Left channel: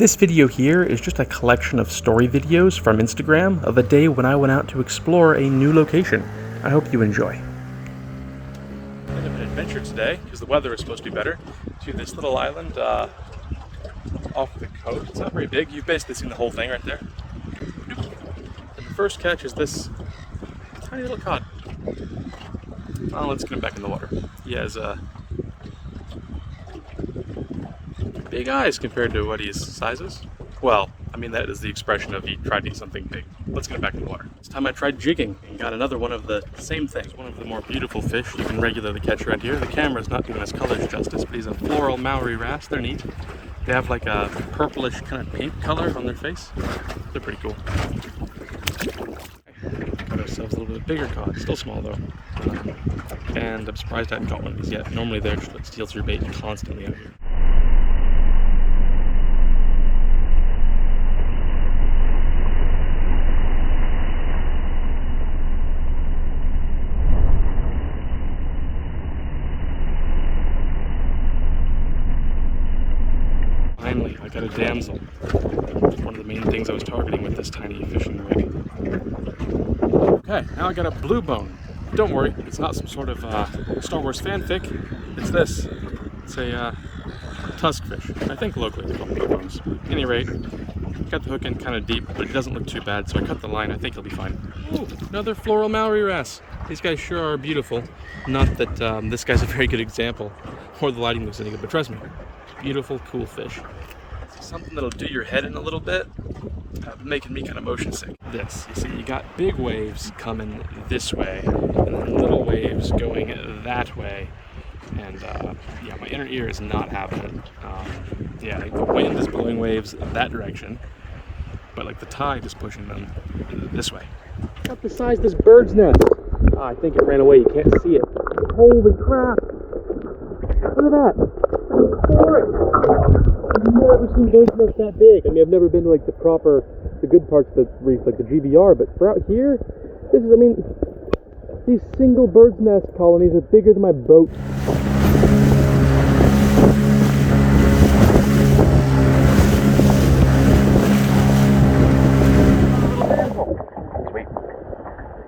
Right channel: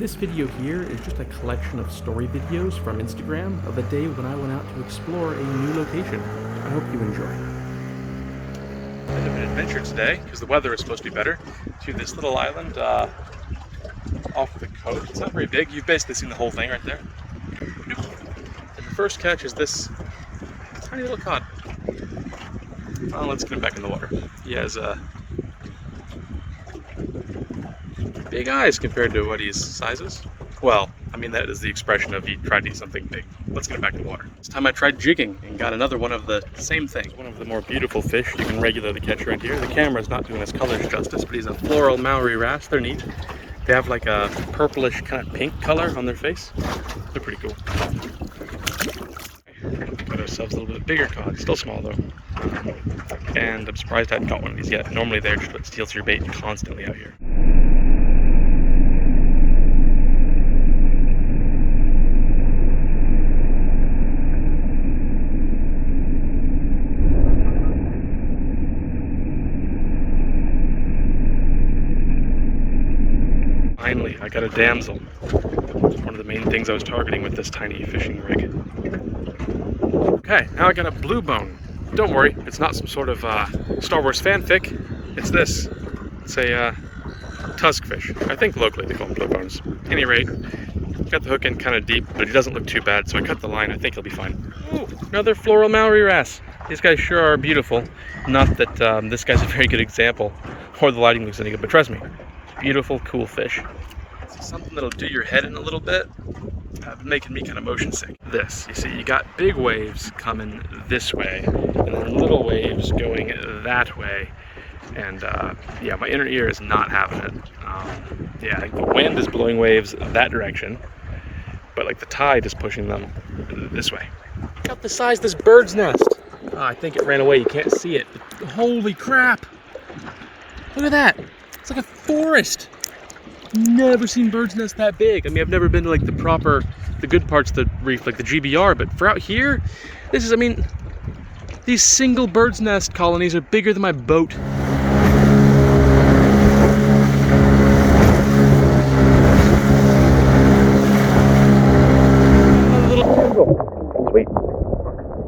This video here is just a collection of story videos from Instagram of a day when I went out to explore a new location. I hope you enjoy. Bit of an adventure today, because the weather is supposed to be better, to this little island off the coast. It's not very big. You've basically seen the whole thing right there. And the first catch is this tiny little cod. Oh, let's get him back in the water. He has big eyes compared to what his size is. Well, I mean, that is the expression of he tried to eat something big. Let's get him back in the water. This time I tried jigging and got another one of the same things. One of the more beautiful fish you can regularly catch around here. The camera's not doing his colors justice, but he's a floral Maori wrasse. They're neat. They have like a purplish kind of pink color on their face. They're pretty cool. Got ourselves a little bit bigger cod. Still small though. And I'm surprised I hadn't caught one of these yet. Normally they're just what steals your bait constantly out here. Finally, I got a damsel. One of the main things I was targeting with this tiny fishing rig. Okay, now I got a blue bone. Don't worry, it's not some sort of Star Wars fanfic. It's this. It's a tusk fish. I think locally they call them blue bones. At any rate, got the hook in kind of deep, but he doesn't look too bad, so I cut the line. I think he'll be fine. Ooh, another floral Maori wrasse. These guys sure are beautiful. Not that this guy's a very good example, or the lighting looks any good, but trust me, beautiful, cool fish. Something that'll do your head in a little bit, making me kind of motion sick. This, you see, you got big waves coming this way, and then little waves going that way, and yeah, my inner ear is not having it. Yeah, I think the wind is blowing waves that direction, but like the tide is pushing them this way. Look at the size of this bird's nest. Oh, I think it ran away, you can't see it. Holy crap! Look at that! It's like a forest! I've never seen bird's nest that big. I mean, I've never been to like the good parts of the reef, like the GBR, but for out here, this is, I mean, these single bird's nest colonies are bigger than my boat. Little damsel. Sweet.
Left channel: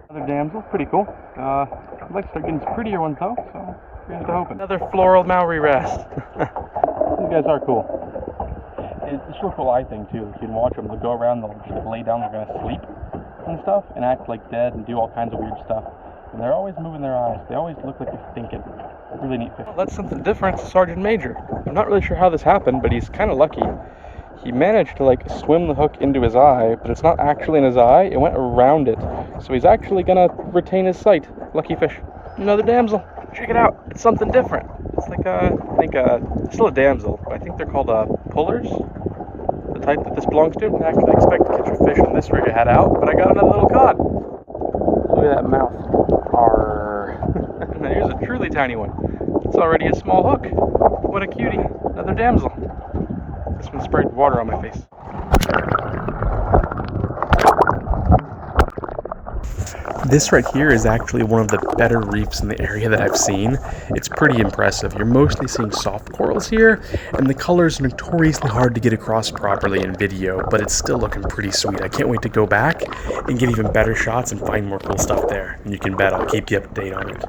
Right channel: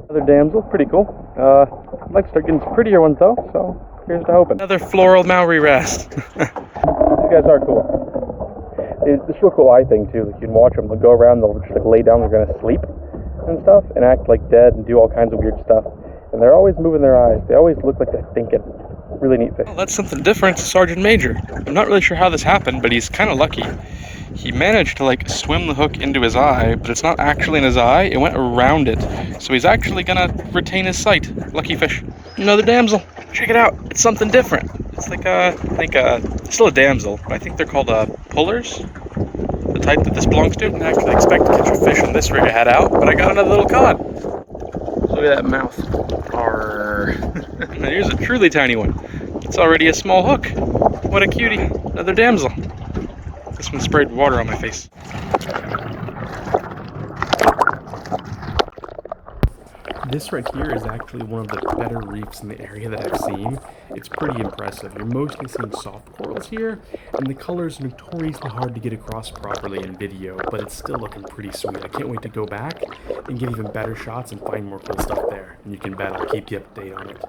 Another damsel, pretty cool. I'd like to start getting some prettier ones though, so here's to hoping. Another floral Maori wrasse. These guys are cool. It's a real cool eye thing too. Like you can watch them. They'll go around. They'll just like lay down. They're gonna sleep and stuff, and act like dead and do all kinds of weird stuff. And they're always moving their eyes. They always look like they're thinking. Really neat fish. Well, that's something different. It's a Sergeant Major. I'm not really sure how this happened, but he's kind of lucky. He managed to like swim the hook into his eye, but it's not actually in his eye. It went around it, so he's actually gonna retain his sight. Lucky fish. Another damsel. Check it out. It's something different. It's like I think it's still a damsel, but I think they're called pullers. The type that this belongs to. I didn't actually expect to catch a fish on this rig I had out, but I got another little cod. Look at that mouth. Arrgh. And here's a truly tiny one. It's already a small hook. What a cutie. Another damsel. This one sprayed water on my face. This right here is actually one of the better reefs in the area that I've seen. It's pretty impressive. You're mostly seeing soft corals here, and the colors are notoriously hard to get across properly in video, but it's still looking pretty sweet. I can't wait to go back and get even better shots and find more cool stuff there. And you can bet I'll keep you up to date on it.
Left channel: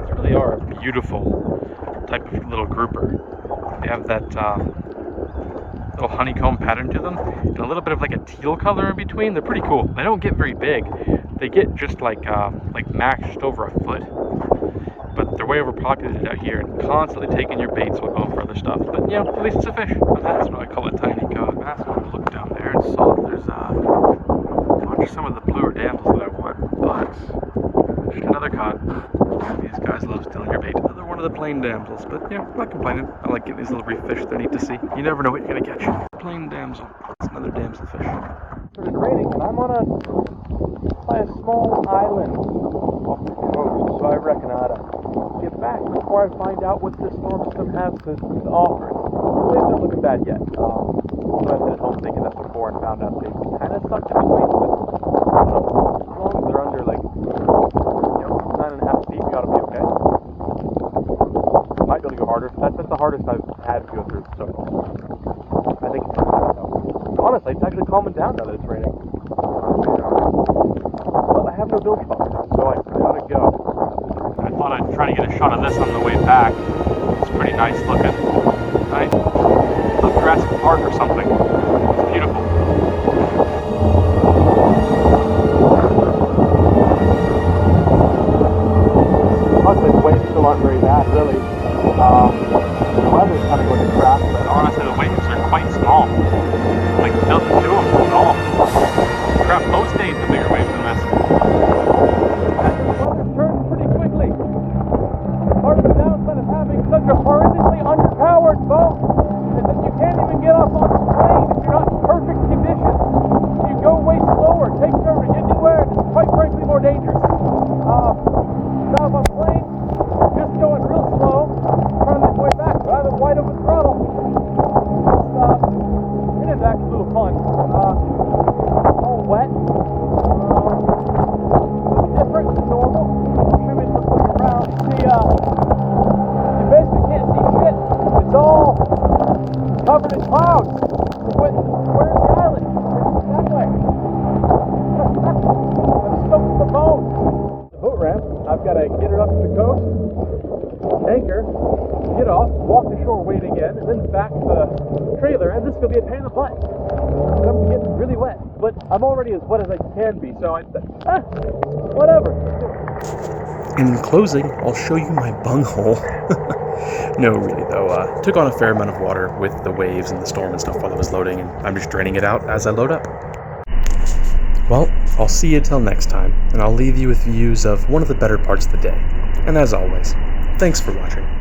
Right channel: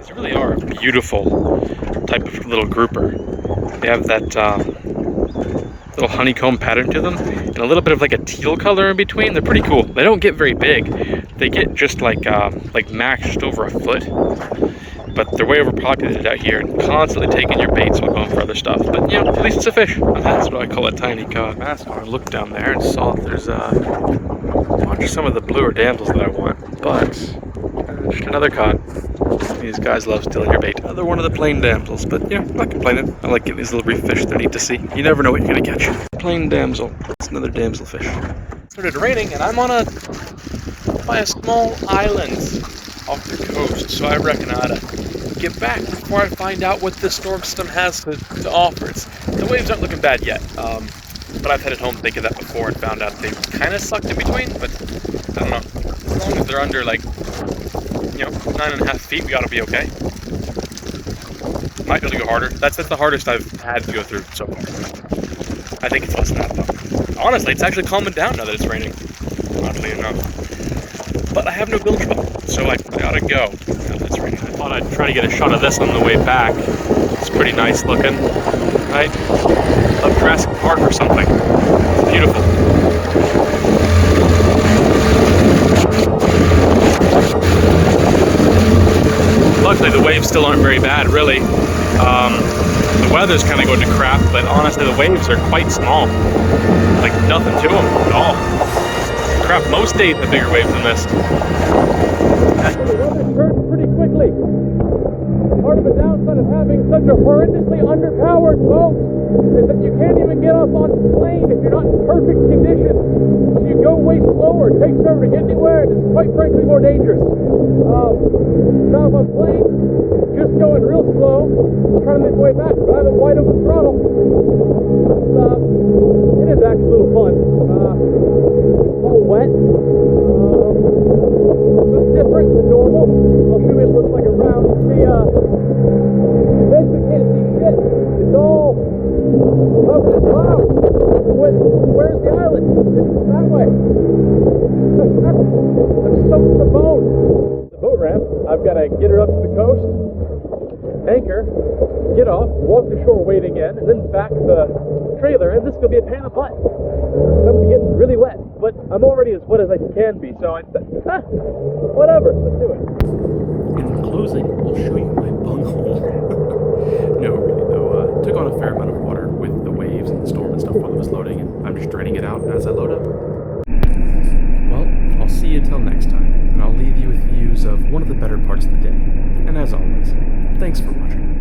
These really are a beautiful type of little grouper. They have that little honeycomb pattern to them, and a little bit of like a teal color in between. They're pretty cool. They don't get very big. They get just like max just over a foot, but they're way overpopulated out here and constantly taking your baits while going for other stuff. But you know, at least it's a fish. That's what I call a tiny cod. I looked down there and saw that there's a bunch of some of the bluer damsels that I want, but just another cod. These guys love stealing your bait. Another one of the plain damsels, but yeah, I'm not complaining. I like getting these little reef fish. They're neat to see. You never know what you're gonna catch. Plain damsel. It's another damsel fish. It started raining, and I'm by a small island off the coast, so I reckon I ought to get back before I find out what this storm system has to offer. The waves aren't looking bad yet, but I've headed home thinking that before and found out they kind of sucked in between, but I don't know. As long as they're under like 9.5 feet, we ought to be okay. Might be able to go harder. That's the hardest I've had to go through so far. I think it's less than that though. Honestly, it's actually calming down now that it's raining. Oddly enough. But I have no bilge belt, so I gotta go now that it's raining. I thought I'd try to get a shot of this on the way back. It's pretty nice looking, right? Like Jurassic Park or something. It's beautiful. Luckily, the waves still aren't very bad, really. The weather's kind of going to crap, but honestly, the waves are quite small. Like, nothing to them at all. Crap, most days have bigger waves than this. The weather's turned pretty quickly. Part of the downside of having such a horrendously underpowered boat is that you can't even get off on the plane if you're not in perfect conditions. So you go way slower, it takes forever to get anywhere, and it's quite frankly more dangerous. Now if I'm plane, just going real slow, trying to make way back, but I have a wide open throttle. It is actually a little fun. All wet. It's different than normal. I'll show you what it looks like around. You see, you basically can't see shit. It's all covered in clouds. Where's the island? It's that way. I'm soaked to the bone. The boat ramp, I've got to get her up to the coast, anchor, get off, walk the shore, wait again, and then back to the trailer, and this is going to be a pain in the butt. I'm going to get really wet, but I'm already as wet as I can be, so whatever, let's do it. In closing, I'll show you my bunghole. No, really though, took on a fair amount of water with the waves and the storm and stuff while I was loading, and I'm just draining it out as I load up. Well, I'll see you till next time, and I'll leave you with views of one of the better parts of the day. And as always, thanks for watching.